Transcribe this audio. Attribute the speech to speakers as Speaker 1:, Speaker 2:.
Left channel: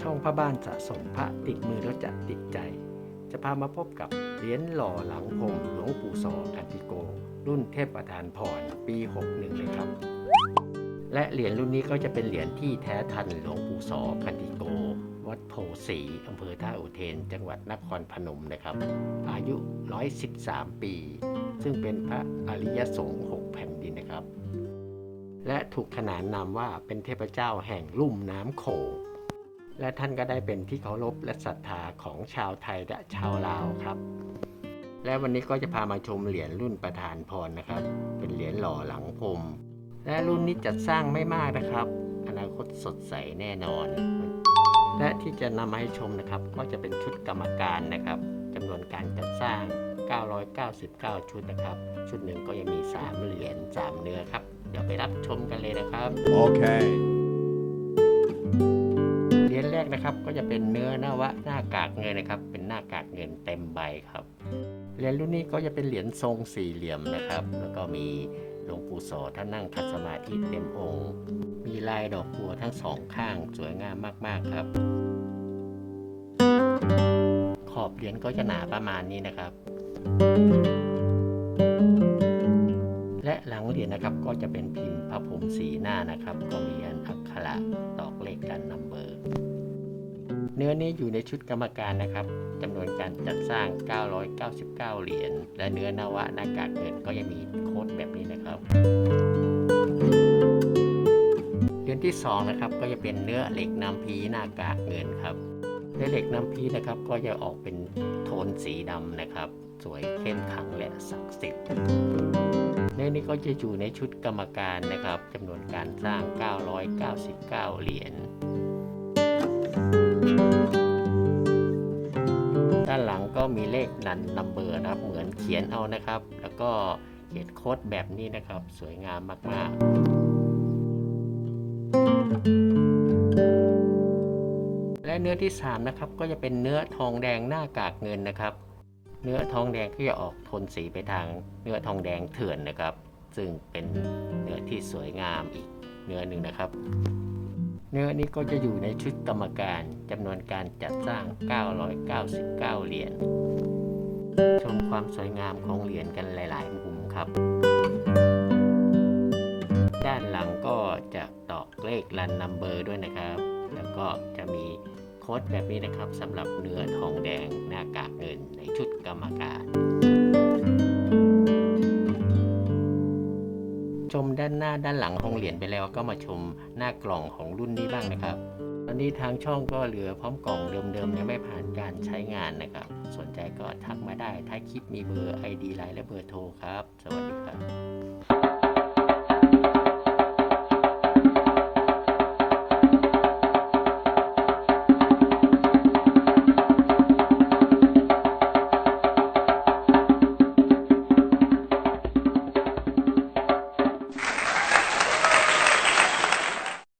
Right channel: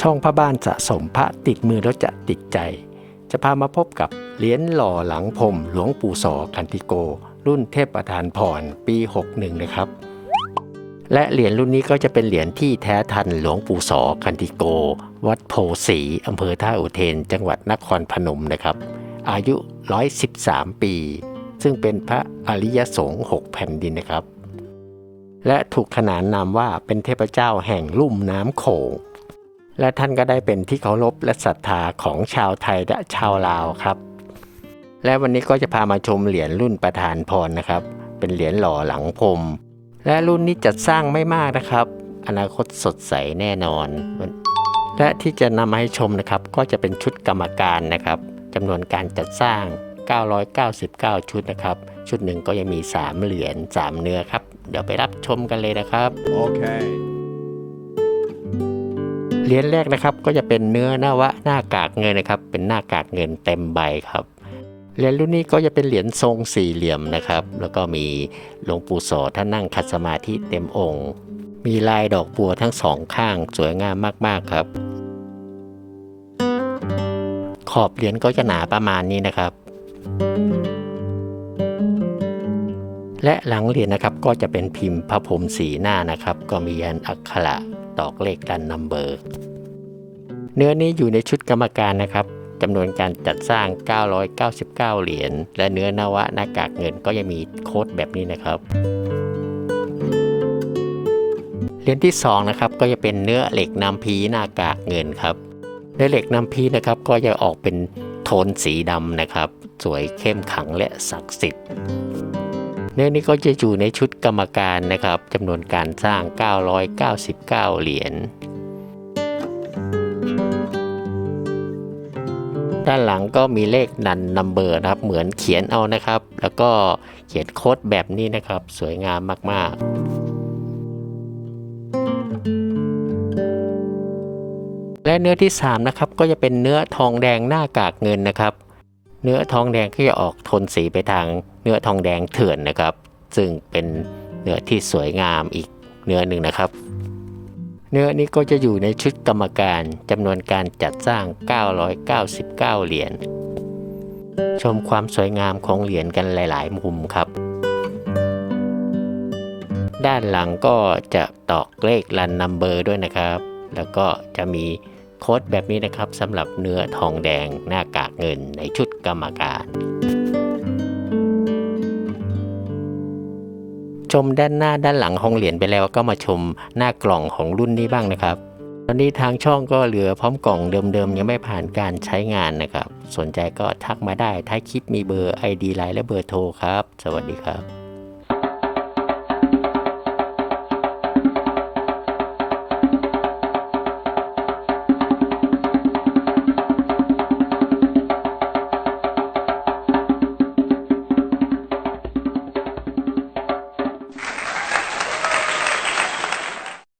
Speaker 1: ช่องพระบ้านสะสมพระติดมือแล้วจะติดใจ จะพามาพบกับเหรียญหล่อหลังพรมหลวงปู่สอกันติโก รุ่นเทพประธานพรปี 61 นะครับ และเหรียญรุ่นนี้ก็จะเป็นเหรียญที่แท้ทันหลวงปู่สอกันติโก วัดโพสีอำเภอท่าอุเทน จังหวัดนครพนมนะครับ อายุ 113 ปี ซึ่งเป็นพระอริยสงฆ์6แผ่นดินนะครับและถูกขนานนามว่าเป็นเทพเจ้าแห่งลุ่มน้ำโขง และท่านก็ได้เป็นที่เคารพและศรัทธาของชาวไทยและชาวลาวครับ และวันนี้ก็จะพามาชมเหรียญรุ่นประธานพรนะครับ เป็นเหรียญหล่อหลังพรมและรุ่นนี้จัดสร้างไม่มากนะครับ อนาคตสดใสแน่นอน และที่จะนำมาให้ชมนะครับ ก็จะเป็นชุดกรรมการนะครับจำนวนการจัดสร้าง 999 ชุดนะครับ ชุดหนึ่งก็ยังมี 3 เหรียญ3 เนื้อครับ เดี๋ยวไปรับชมกันเลยนะครับ
Speaker 2: Okay.
Speaker 1: เเหรียญแรกนะครับ ก็จะเป็นเนื้อนวะหน้ากากเงินนะครับ เป็นหน้ากากเงินเต็มใบครับเหรียญรุ่นนี้ก็จะเป็นเหรียญทรงสี่เหลี่ยมนะครับ แล้วก็มีหลวงปู่โสอท่านนั่งคัดสมาธิเต็มองค์ มีลายดอกบัวทั้งสองข้างสวยงามมากๆครับ ขอบเหรียญก็จะหนาประมาณนี้นะครับ และหลังเหรียญนะครับก็จะเป็นพิมพ์พระพรหมสีหน้านะครับ ก็มียันอักขระ ตอกเลขกันนัมเบอร์ เนื้อนี้อยู่ในชุดกรรมการนะครับจำนวนการจัดสร้าง 999 เหรียญ และเนื้อนวะหน้ากากเงินก็ยังมีโค้ดแบบนี้นะครับเหรียญที่2นะครับก็จะเป็นเนื้อเหล็กนำพีหน้ากากเงินครับเนื้อเหล็กนำพีนะครับก็จะออกเป็นโทนสีดำนะครับ สวยเข้มขังและศักดิ์สิทธิ์ เนื้อนี้ก็จะอยู่ในชุดกรรมการนะครับจำนวนการสร้าง 999 เหรียญด้านหลังก็มีเลขนันนัมเบอร์นะครับ เหมือนเขียนเอานะครับ แล้วก็เขียนโค้ดแบบนี้นะครับ สวยงามมาก ๆ และเนื้อที่ 3 นะครับ ก็จะเป็นเนื้อทองแดงหน้ากากเงินนะครับ เนื้อทองแดงก็จะออกโทนสีไปทางเนื้อทองแดงเถื่อนนะครับ ซึ่งเป็นเนื้อที่สวยงามอีกเนื้อหนึ่งนะครับ เนื้อนี้ก็จะอยู่ในชุดกรรมการจำนวนการจัดสร้าง 999 เหรียญชมความสวยงามของเหรียญกันหลาย ๆ มุมครับ ด้านหลังก็จะตอกเลขรันนัมเบอร์ด้วยนะครับ แล้วก็จะมี โค้ดแบบนี้นะครับสำหรับเนื้อทองแดงหน้ากากเงินในชุดกรรมการชมด้านหน้าด้านหลังของเหรียญไปแล้วก็มาชมหน้ากล่องของรุ่นนี้บ้างนะครับ ตอนนี้ทางช่องก็เหลือพร้อมกล่องเดิมๆยังไม่ผ่านการใช้งานนะครับ สนใจก็ทักมาได้ท้ายคลิปมีเบอร์ ID ไลน์และเบอร์โทรครับ สวัสดีครับ